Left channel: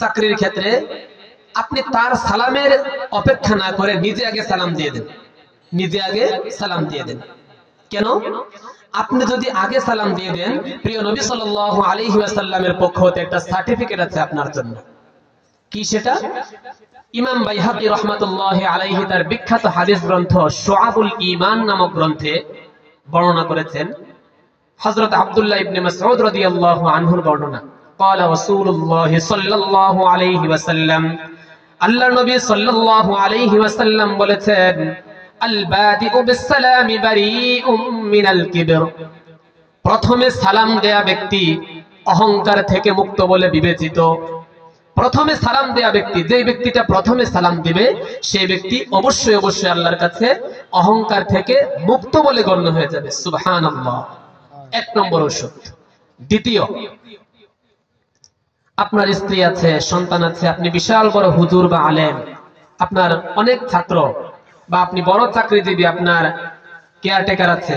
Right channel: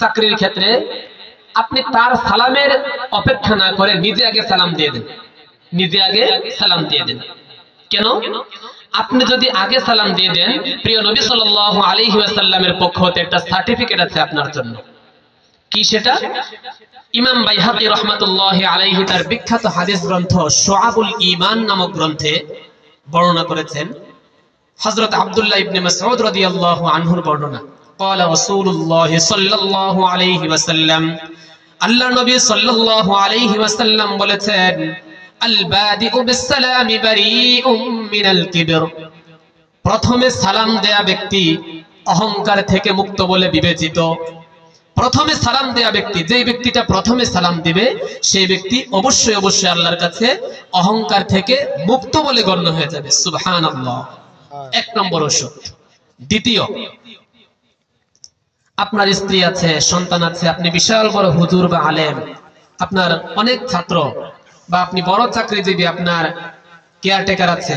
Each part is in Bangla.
চাকরির ক্ষেত্রে আপনি তার সালামের অপেক্ষা না করে নিজে আগে সালাম দিয়ে দেন, নিজে আগে সালাম দিয়ে দেন। কেন? আপনি যদি আগে সালাম দিয়ে দেন, প্রিয় নবী সাল্লাল্লাহু আলাইহি ওয়াসাল্লামের পক্ষ হতে একটা সার্টিফিকেট আছে আপনার জন্য। কি সেটা? ইমাম বাইহাকী রাহমাতুল্লাহি আলাইহি তার বিখ্যাত হাদিস গ্রন্থ শুআবুল ঈমান নামক গ্রন্থে বর্ণনা করেছেন হযরত আব্দুল্লাহ ইবনে মাসউদ রাদিয়াল্লাহু আনহুর বর্ণনা। قال رسول الله صلى الله عليه وسلم, আল্লাহ নবী সাল্লাল্লাহু আলাইহি ওয়াসাল্লাম বলেছেন, আল বাদিউ বিসসালামি বারিউম মিনাল কিবর, প্রথমে সালাম দেয়া ব্যক্তি অহংকার থেকে মুক্ত বলে বিবেচিত। প্রথমে সালাম দেয়া ব্যক্তি, যে ব্যক্তিটা প্রথমে সালাম দিবে সেই ব্যক্তি অবশ্যই অবশ্যই আল্লাহর কাছে অহংকার থেকে মুক্ত বলে গণ্য হয়ে যাবে। সুবহানাল্লাহ। এক নম্বর ওষুধ। দ্বিতীয়, আপনার স্ত্রী আছে, সন্তান আছে, আপনি বিশাল বড় হুজুর বা আলেম, আপনার অনেক ছাত্র বা আপনি বড় চাকরিজীবী, আপনার কেয়ারটেকার আছে,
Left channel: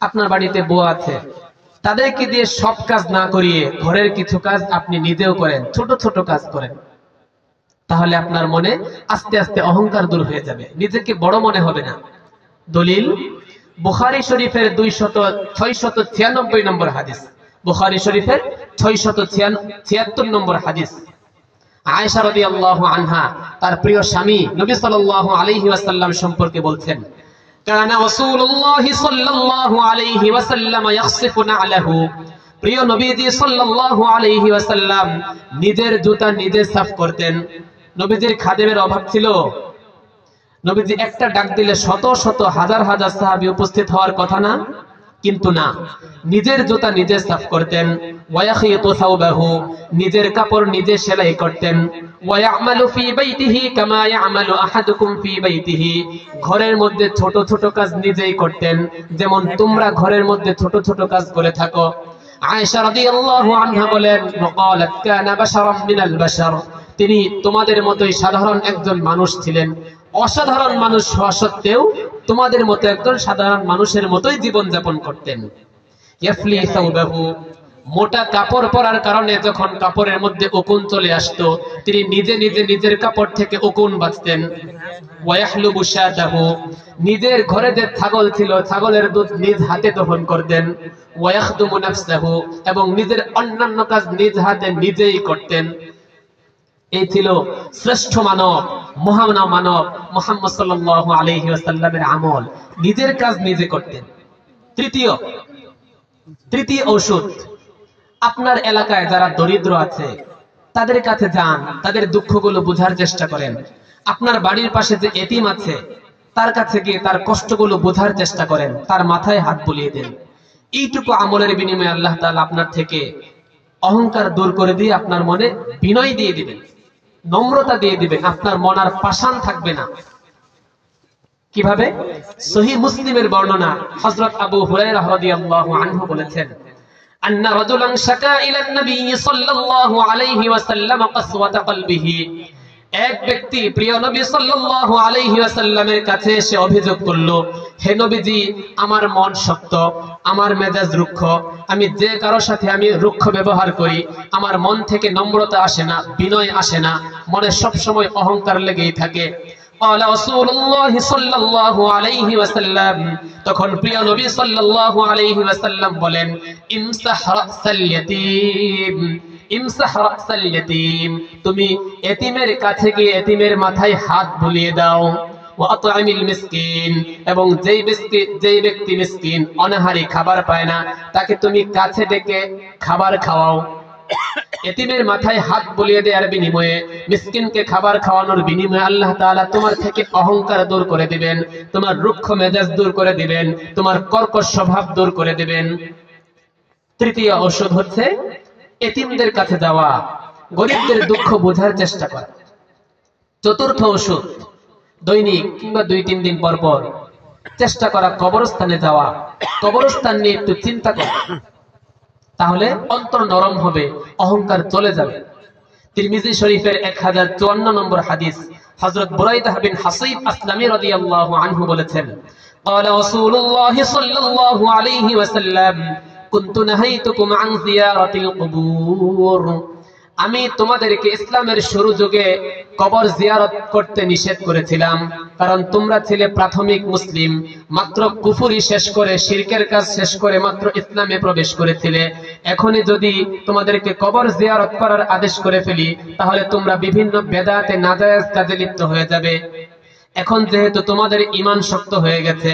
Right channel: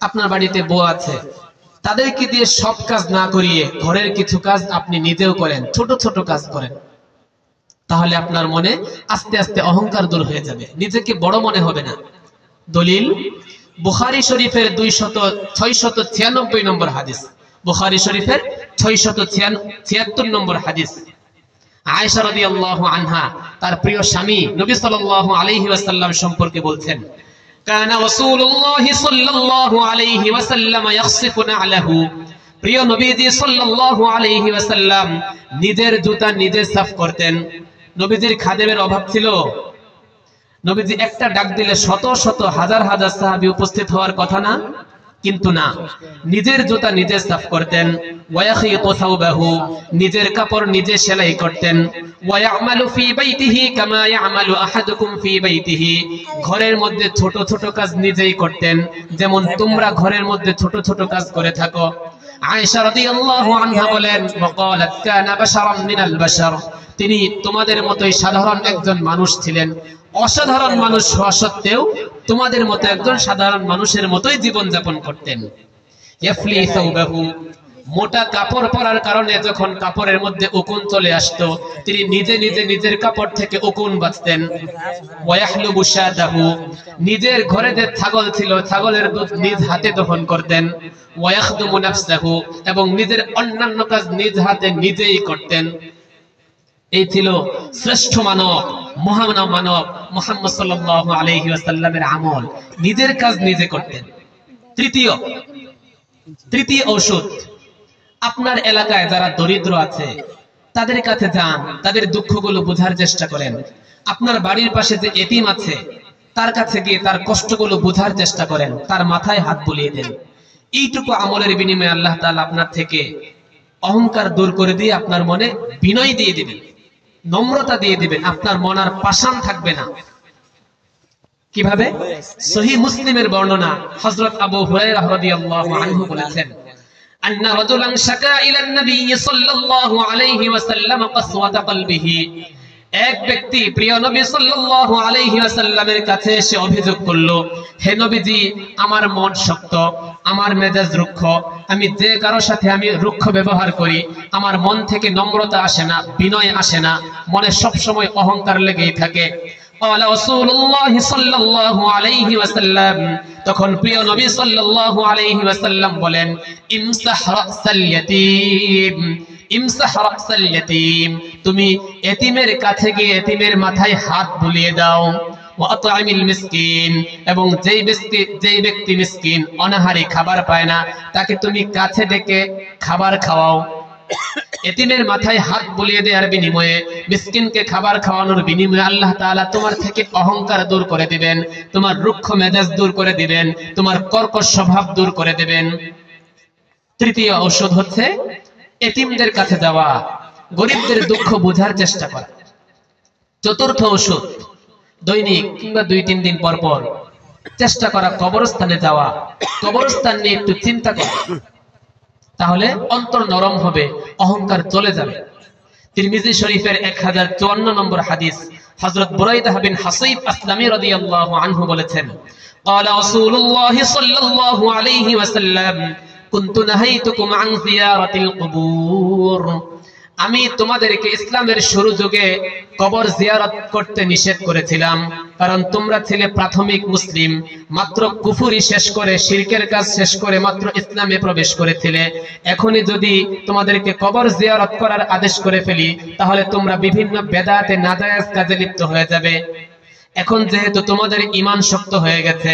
আপনার বাড়িতে বউ আছে, তাদেরকে দিয়ে সব কাজ না করিয়ে ঘরের কিছু কাজ আপনি নিজেও করেন, ছোট ছোট কাজ করেন, তাহলে আপনার মনে আস্তে আস্তে অহংকার দূর হয়ে যাবে, নিজেকে বড় মনে হবে না। দলিল বুখারী শরীফের 696 নম্বর হাদিস, বুখারী শরীফের 676 নম্বর হাদিস। আয়েশা রাদিয়াল্লাহু আনহা তার প্রিয় স্বামী নবী সাল্লাল্লাহু আলাইহি ওয়াসাল্লাম সম্পর্কে বলছেন, কানা রাসূলুল্লাহি সাল্লাল্লাহু আলাইহি ওয়াসাল্লাম ইয়াখসিফু না'লাহু, প্রিয় নবীজি সাল্লাল্লাহু আলাইহি ওয়াসাল্লাম নিজের জুতা নিজে সাফ করতেন। নবীজির খাদেমের অভাব ছিল, নবীজি একটা ডাক দিলে শত শত হাজার হাজার সাহাবী উপস্থিত হওয়ার কথা না, কিন্তু না, নিজের জুতা নিজে সাফ করতেন। ওয়ায়াখিতু সাওবাহু, নিজের কাপড় নিজে সেলাই করতেন। ওয়ায়ামালু ফি বাইতিহি কামা ইয়ামালু আহাদুকুম ফি বাইতিহি, ঘরের মধ্যে ছোট ছোট কাজ নিজেই করতেন যেমন তোমরা ঘরের মধ্যে ছোট ছোট কাজ করে থাকো। আয়েশা রাদিয়াল্লাহু আনহা বলেন, ওয়াকালাত কানা বাশারাম মিনাল বাশার, তিনি তোমাদের মতোই সাধারণ একজন মানুষ ছিলেন, অসাধারণ মানুষ হওয়া সত্ত্বেও তোমাদের মতো একজন সাধারণ মানুষের মতোই জীবন যাপন করতেন। ইয়াফলি সাওবাহু, মোটা কাপড় পরার কারণে যখন কাপড়ের মধ্যে উকুন চলে আসতো তিনি নিজে নিজে নিজের কাপড় থেকে উকুন বাঁচতেন। ওয়ায়াহলুবু শাতাহু, নিজের ঘরে যে ছাগল ছিল ছাগলের দুধ নিজ হাতে দহন করতেন। ওয়ায়াখদুমু নাফসাহু, এবং নিজের অন্যান্য কাজ নিজ হাতে নিজেই করতেন। এই ছিল শ্রেষ্ঠ মানব, মহান মানব মুহাম্মদ সাল্লাল্লাহু আলাইহি ওয়াসাল্লামের আমল, নিজের কাজ নিজে করতেন। তৃতীয় ঔষধ, আপনার এলাকায় যারা দরিদ্র আছে তাদের কাছে যান, তাদের দুঃখগুলো বোঝার চেষ্টা করেন। আপনার বাড়ির পাশে যে এতিম আছে তার কাছে গিয়ে তার কষ্টগুলো বোঝার চেষ্টা করেন, তার মাথায় হাত বুলিয়ে দেন। এইটুকু আমলের বিনিময়ে আল্লাহ তাআলা আপনার থেকে অহংকার দূর করে দিয়ে আপনার মনে বিনয় দিয়ে দিবেন, নম্রতা দিয়ে দিবেন, আপনার মন আর পাষাণ থাকবে না। কিভাবে? সহিহ মুসলিমের বর্ণনা, হযরত আবু হুরায়রা রাদিয়াল্লাহু আনহু বলেছেন, আন্না রাজুলান শাকা ইলান নবী সাল্লাল্লাহু আলাইহি ওয়াসাল্লাম কাসওয়াতা কলবিহি, এক ব্যক্তি প্রিয় নবী সাল্লাল্লাহু আলাইহি ওয়াসাল্লামের কাছে এসে অভিযোগ করলো, হে নবীজি, আমার মন শক্ত, আমার মেজাজ রুক্ষ, আমি যে কারো সাথে আমি রুক্ষ ব্যবহার করি, আমার মন থেকে নম্রতা আসে না, বিনয় আসে না, মনে সব সময় অহংকার লেগেই থাকে। রাসূলুল্লাহ সাল্লাল্লাহু আলাইহি ওয়াসাল্লাম, তখন প্রিয় নবী সাল্লাল্লাহু আলাইহি ওয়াসাল্লাম বলেন, ইমসাহ রাসাল ইয়াতীম, ইমসাহ রাসাল ইয়াতীম, তুমি এতিমের কাছে গিয়ে এতিমের মাথায় হাত বুলিয়ে দাও। ওয়াতআমিল মিসকিন, এবং যেই ব্যক্তি মিসকিন, অনাহারী, খাবার পায় না, তাকে তুমি কাছে ডেকে খাবার খাওয়াও। এতিমের মাথায় হাত বুলিয়ে দেওয়ার বিনিময়ে, মিসকিনকে খাবার খাওয়ানোর বিনিময়ে আল্লাহ তাআলা তোমার থেকে অহংকার দূর করে দিবেন, তোমার রুক্ষ মেজাজ দূর করে দিবেন, তোমার কর্কশ স্বভাব দূর করে দিবেন। তৃতীয় ঔষধ হচ্ছে এতিমদের কাছে যাওয়া, গরিবদের দুঃখ বোঝার চেষ্টা করা। চতুর্থ ঔষধ, দৈনিক কিংবা 2-3 দিন পর পর চেষ্টা করা কবরস্থানে যাওয়া, কবরস্থান নিয়ে একটু চিন্তা করা, তাহলে অন্তর নরম হবে, অহংকার চলে যাবে। তিরমিজি শরীফের 1054 নম্বর হাদিস, হযরত বুরাইদা বিন হাসিব আসলামী রাদিয়াল্লাহু আনহু বলেছেন, قال رسول الله صلى الله عليه وسلم كنت نهيتكم عن زيارة القبور, আমি তোমাদেরকে ইসলামের শুরু যুগে কবর জিয়ারত করতে নিষেধ করেছিলাম, কারণ তোমরা ছিলে প্রাথমিক মুসলিম, মাত্র কুফরি শেষ করে শিরকের কাজ শেষ করে মাত্র ইসলামে প্রবেশ করেছিলে। এখনই যদি তোমাদেরকে কবর জিয়ারত করার আদেশ করে ফেলি, তাহলে তোমরা বিভিন্ন বেদাতে নাজায়েজ কাজে লিপ্ত হয়ে যাবে। এখন যেহেতু তোমাদের ঈমান শক্ত হয়ে গেছে,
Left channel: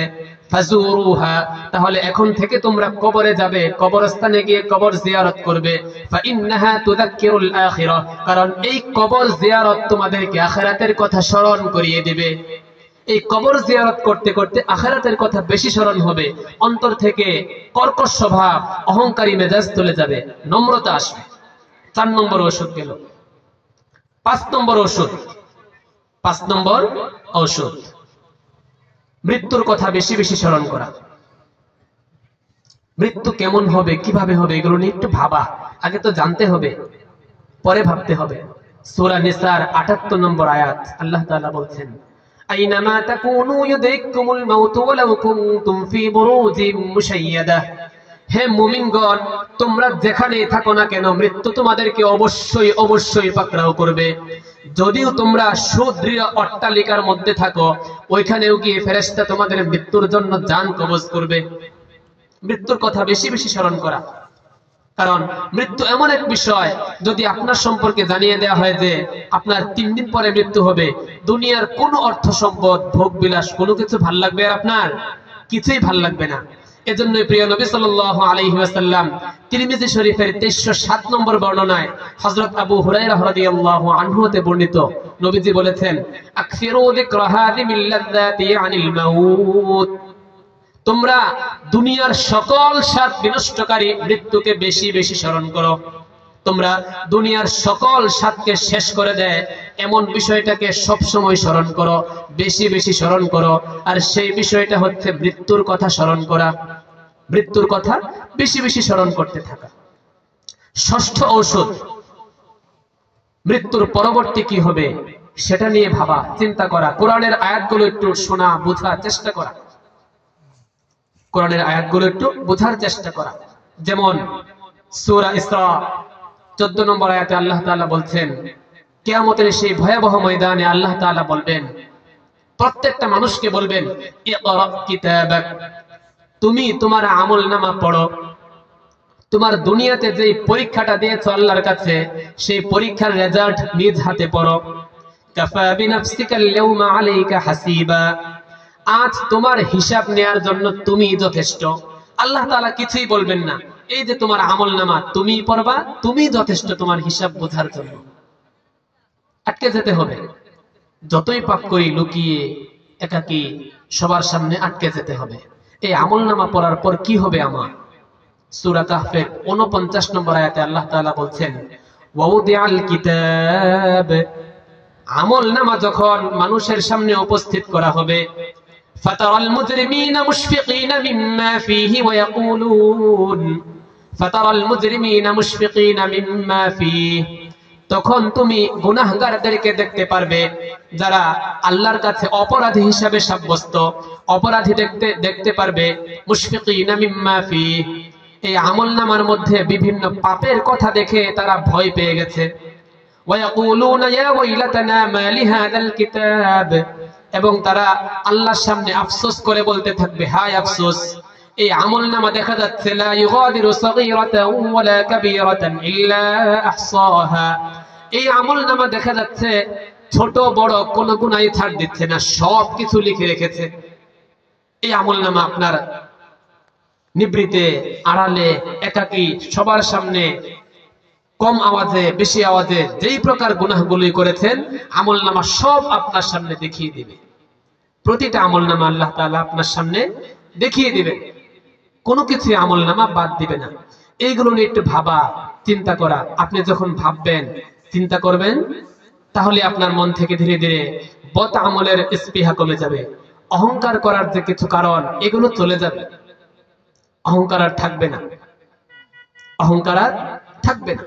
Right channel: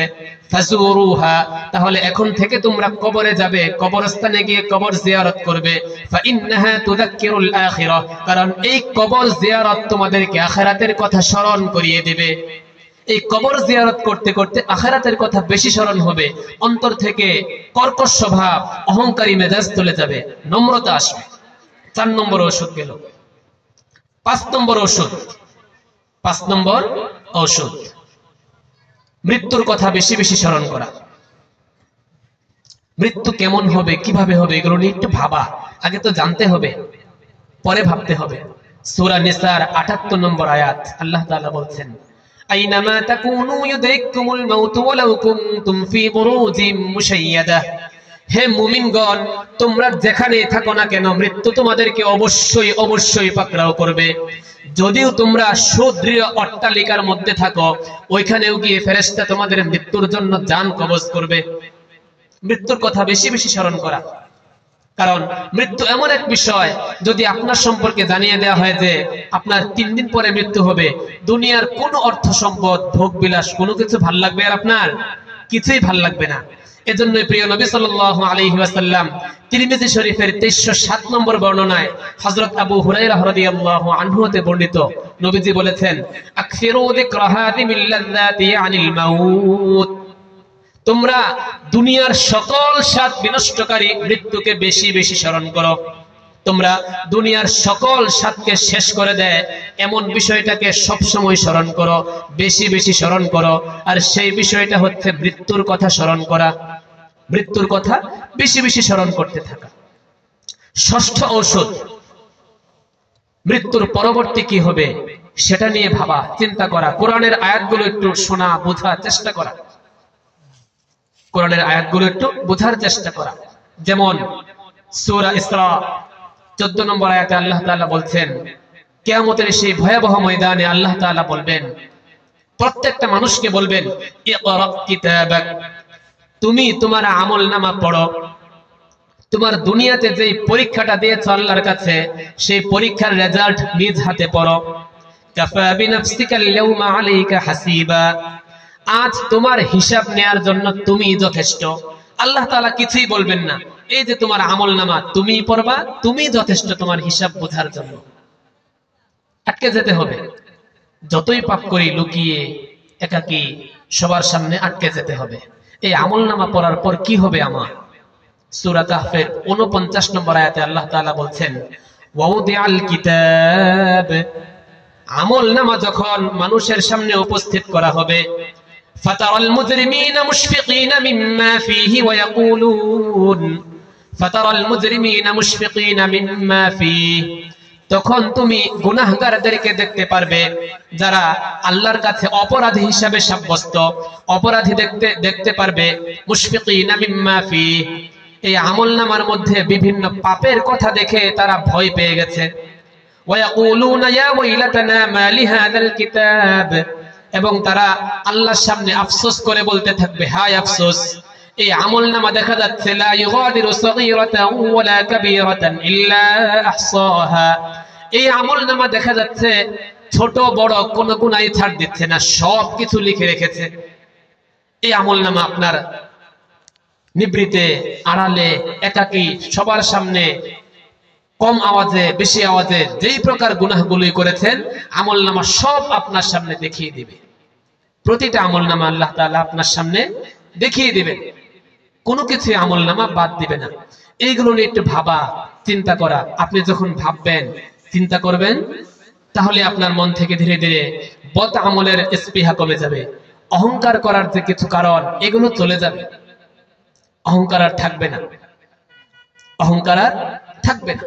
ফাজুরুহা, তাহলে এখন থেকে তোমরা কবরে যাবে, কবরস্থানে গিয়ে কবর জিয়ারত করবে। ফাইন্নাহা তুযাক্কিরুল আখিরাহ, কারণ এই কবর জিয়ারত তোমাদেরকে আখিরাতের কথা স্মরণ করিয়ে দিবে। এই কবর জিয়ারত করতে করতে আখিরাতের কথা বেশি স্মরণ হবে, অন্তর থেকে কর্কশ স্বভাব, অহংকারী মেজাজ চলে যাবে, নম্রতা আসবে। 4 নম্বর ওষুধ গেল। 5 নম্বর ওষুধ, 5 নম্বর ঔষধ, মৃত্যুর কথা বেশি বেশি স্মরণ করা। মৃত্যু কেমন হবে, কিভাবে হবে, এগুলো নিয়ে একটু ভাবা। আগে তো জানতে হবে, পরে ভাবতে হবে। সূরা নিসার 78 নম্বর আয়াত, আল্লাহ তাআলা বলছেন, আইনামা তাকুনু ইউদরিকুমুল মাউত ওয়ালাউ কুনতুম ফি বুরুজিম মুশাইয়াদাহ। হে মুমিনগণ, তোমরা যেখানে থাকো না কেন, মৃত্যু তোমাদেরকে অবশ্যই অবশ্যই পাকড়াও করবে। যদিও তোমরা সুদৃঢ় অট্টালিকার মধ্যে থাকো, ওইখানেও গিয়ে ফেরেশতা তোমাদের মৃত্যুর জন্য জান কবজ করবে। মৃত্যুর কথা বেশি বেশি স্মরণ করা, কারণ মৃত্যু এমন এক বিষয়, যদি আপনার সম্পর্কে জানিয়ে দেওয়া হয় যে আপনার 3 দিন পরে মৃত্যু হবে, দুনিয়ার কোনো অর্থ সম্পদ, ভোগ বিলাস, কোনো কিছু ভাল লাগবে আর আপনার কিছুই ভাল লাগবে না। এজন্য প্রিয় নবী সাল্লাল্লাহু আলাইহি ওয়াসাল্লাম তিরমিজি শরীফের 2307 নম্বর বর্ণনায় হযরত আবু হুরায়রা রাদিয়াল্লাহু আনহু হতে বর্ণিত, নবীজি বলেছেন, আকসিরু যিকরা হাযিমিল লাযযাতি আনিল মাউত। তোমরা দুনিয়ার সকল স্বাদ বিনষ্টকারী মৃত্যুকে বেশি বেশি স্মরণ করো। তোমরা দুনিয়ার সকল স্বাদকে শেষ করে দেয় এমন বিষয়টাকে সব সময় স্মরণ করো, বেশি বেশি স্মরণ করো। আর সেই বিষয়টা হচ্ছে মৃত্যুর কথা স্মরণ করা, মৃত্যুর কথা বেশি বেশি স্মরণ করতে থাকা। 6ষ্ঠ ঔষধ, মৃত্যুর পরবর্তী কি হবে সেটা নিয়ে ভাবা, চিন্তা করা। কোরআনের আয়াতগুলো একটু শোনা, বোঝার চেষ্টা করা, কোরআনের আয়াতগুলো একটু বোঝার চেষ্টা করা। যেমন সূরা ইসরা 14 নম্বর আয়াতে আল্লাহ তাআলা বলছেন, কিয়ামতের সেই ভয়াবহ ময়দানে আল্লাহ তাআলা বলবেন, প্রত্যেকটা মানুষকে বলবেন, ইকরা কিতাবাক, তুমি তোমার আমলনামা পড়ো। তোমার দুনিয়াতে যে পরীক্ষাটা দিয়েছো আল্লাহর কাছে, সেই পরীক্ষার রেজাল্ট নিজ হাতে পড়ো। কাফা বিনাফসিকাল ইয়াউমা আলাইকা হাসিবা, আজ তোমার হিসাব নেয়ার জন্য তুমি যথেষ্ট। আল্লাহ তাআলা কিছুই বলবেন না, এই যে তোমার আমলনামা তুমি পড়বা, তুমি যথেষ্ট তোমার হিসাব বোঝার জন্য। আটকে যেতে হবে, যতই পাপ করি লুকিয়ে একাকী সবার সামনে আটকে যেতে হবে। এই আমলনামা পড়ার পর কি হবে আমার? সূরা কাহফের 49 নম্বর আয়াতে আল্লাহ তাআলা বলছেন, ওয়াউদিআল কিতাব, আমলনামা যখন মানুষের সামনে উপস্থিত করা হবে, ফাতারাল মুজরিমিনা মুশফিকিনা মিম্মা ফীহি ওয়া ইয়াকুলুন, ফাতারাল মুজরিমিনা মুশফিকিনা মিম্মা ফীহি, তখন তুমি গুনাহগারদেরকে দেখতে পারবে যারা আল্লাহর কাছে অপরাধী হিসাবে সাব্যস্ত, অপরাধী দেখতে পারবে। মুশফিকিনা মিম্মা ফীহি, এই আমলনামার মধ্যে বিভিন্ন পাপের কথা দেখে তারা ভয় পেয়ে গেছে। ওয়া ইয়াকুলুনা ইয়া ওয়াইলাতানা মা লিহাযাল কিতাব, এবং তারা আল্লাহর সামনে আফসোস করে বলতে থাকবে, হায় আফসোস, এই আমলনামা দেখা যাচ্ছে লা ইউগাদিরু সাগীরাতান ওয়ালা কাবীরাতান ইল্লা আহসাহা, এই আমলনামা দেখা যাচ্ছে ছোট বড় কোনো গুনাহ ছাড় দিচ্ছে না, সব কিছু লিখে রেখেছে। এই আমলনামা আপনার নিবৃতে, আড়ালে, একাকী, সবার সামনে, কম আওয়াজে, বেশি আওয়াজে, যেই প্রকার গুনাহগুলি করেছেন আমলনামা সব আপনার সামনে দেখিয়ে দিবে। প্রতিটা আমলনামা আল্লাহ তাআলা আপনার সামনে দেখিয়ে দিবেন, কোনো কিছু আমলনামা বাদ দিবে না। এইগুলো নিয়ে একটু ভাবা, চিন্তা করা। আপনি যখন ভাববেন, চিন্তা করবেন, তাহলে আপনার মন থেকে ধীরে ধীরে বদ আমলের স্পৃহা কমে যাবে। অহংকার করার যে কিছু কারণ, এগুলো চলে যাবে। অহংকার আর থাকবে না, অহংকার আর থাকবে না।